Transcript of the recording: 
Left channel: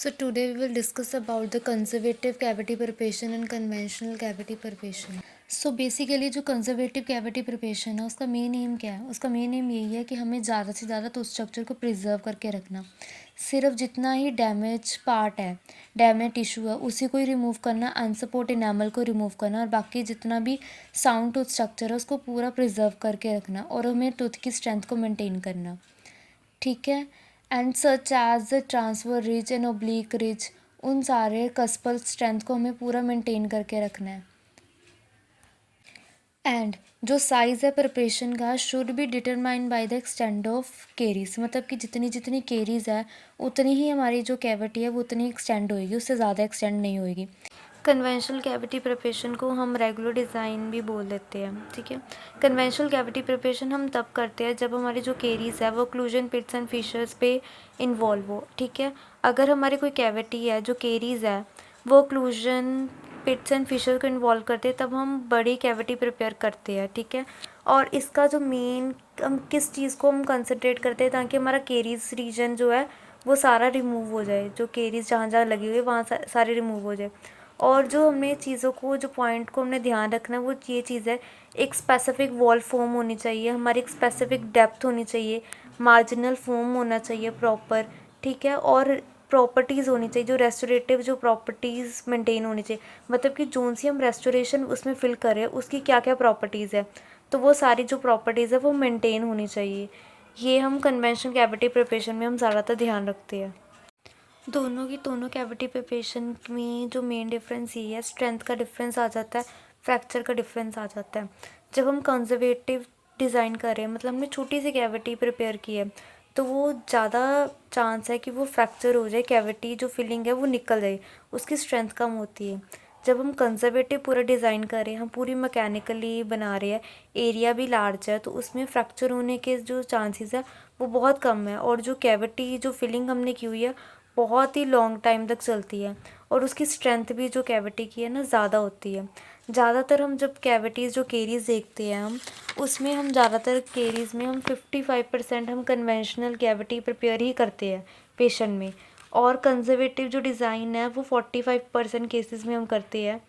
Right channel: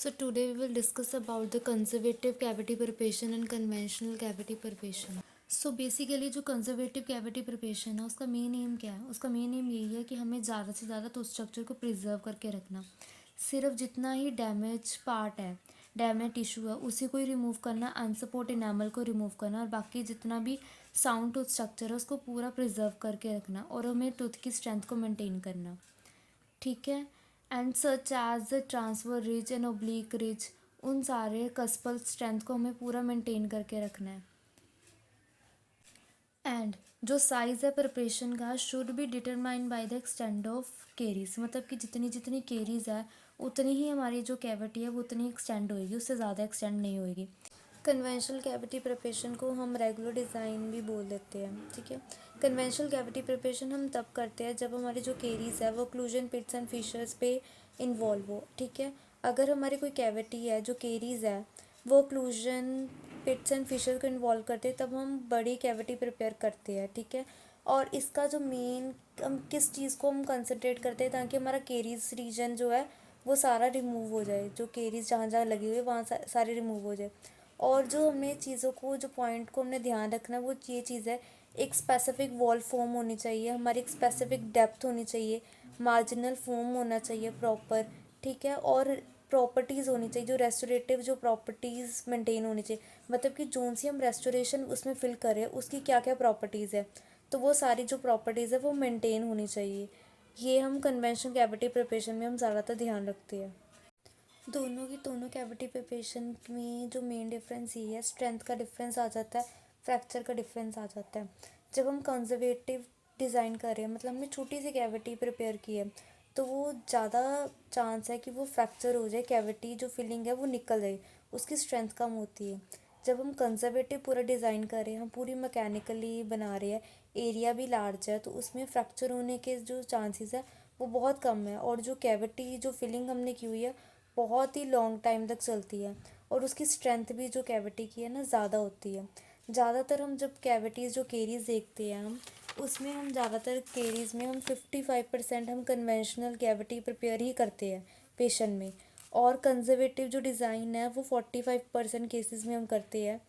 So today we will discuss about the conservative cavity preparation and conventional cavity preparation. So basically जो conservative cavity preparation है उसका main M क्या है? उसका main M यही है कि हमें ज़्यादा से ज़्यादा तो उस स्ट्रक्चर को प्रिजर्व करके रखना। सिर्फ जितना ही डैमेज पार्ट है, डैमेज टिश्यू है, उसी को ही रिमूव करना, अनसपोर्ट इनेमल को रिमूव करना और बाकी जितना भी साउंड टूथ स्ट्रक्चर है उसको पूरा प्रिजर्व करके रखना और हमें टूथ की स्ट्रेंथ को मेंटेन करना। ठीक है। And such as the transverse ridge and oblique ridge, उन सारे कस्पल स्ट्रेंथ को हमें पूरा मेंटेन करके रखना है। एंड जो साइज़ है प्रिपरेशन का should be determined by the extend of caries, मतलब कि जितनी जितनी केरीज है उतनी ही हमारी जो कैविटी है वो उतनी एक्सटेंड होएगी, उससे ज़्यादा एक्सटेंड नहीं होएगी। कन्वेंशनल कैविटी प्रिपरेशन को हम रेगुलर डिज़ाइन भी बोल देते हैं। ठीक है। कन्वेंशनल कैविटी प्रिपरेशन हम तब करते हैं जब हमारी जो केरीज है वो ओक्लूजन पिट्स एंड फिशर्स पे इन्वॉल्व हो। ठीक है। अगर हमारी कोई कैविटी है जो केरीज है वो ओक्लूजन पिट्स एंड फिशर को इन्वॉल्व करते हैं तब हम बड़ी कैविटी प्रिपेयर करते हैं। ठीक है। और इसका जो मेन हम किस चीज़ को हम कंसंट्रेट करते हैं ताकि हमारा केरीज रीजन जो है वो सारा रिमूव हो जाए, जो केरीज जहाँ जहाँ लगी हुई है वहाँ सारे रिमूव हो जाए। और जो हमें चीज़ों को जो पॉइंट को हमने ध्यान रखना है वो ये चीज़ है, एक स्पेसिफिक वॉल फॉर्म होनी चाहिए, हमारी एक स्पेसिफिक डेप्थ होनी चाहिए, मार्जिनल फॉर्म होना चाहिए प्रॉपर। ठीक है। और प्रॉपर्टीज़ होनी चाहिए, जो रेस्टोरेटिव जो प्रॉपर्टीज़ मेंटेन होनी चाहिए, मतलब कि जोन सी हम रेस्टोरेशन उसमें फिल करें उसकी क्या क्या प्रॉपर्टीज़ है, तो वो सारी जो प्रॉपर्टीज़ है वो मेंटेन होनी चाहिए। ये हम कन्वेंशनल कैविटी प्रिपरेशन में हम ज़्यादातर ध्यान रखते हैं। दोनों कैविटी प्रिपरेशन में जो मेन डिफरेंस ये है, स्ट्रेंथ का डिफरेंस आ जाता है, फ्रैक्चर का डिफरेंस आ जाता है। जब हम कंजर्वेटिव डिज़ाइन कर रहे हैं, मतलब हमने छोटी सी कैविटी प्रिपेयर की है, तो वो ज़्यादा चांस है कि वो फ्रैक्चर हो जाए, कैविटी जो फिलिंग है वो निकल जाए, उसकी स्ट्रेंथ कम होती है। जब हम कंजर्वेटिव पूरा डिज़ाइन कर रहे हैं, हम पूरी मैकेनिकली बना रहे हैं, एरिया भी लार्ज है, तो उसमें फ्रैक्चर होने के जो चांसेस है वो बहुत कम है। और जो कैविटी जो फिलिंग हमने की हुई है बहुत ही लॉन्ग टाइम तक चलती है और उसकी स्ट्रेंथ भी जो कैविटी की है ना ज़्यादा होती है। ज़्यादातर हम जब कैविटीज़ जो केरीज देखते हैं हम उसमें हम ज़्यादातर केरीज में हम 55% हम कन्वेंशनल कैविटी प्रिपेयर ही करते हैं पेशेंट में, और कंजर्वेटिव जो डिज़ाइन है वो 45% केसेस में हम करते हैं।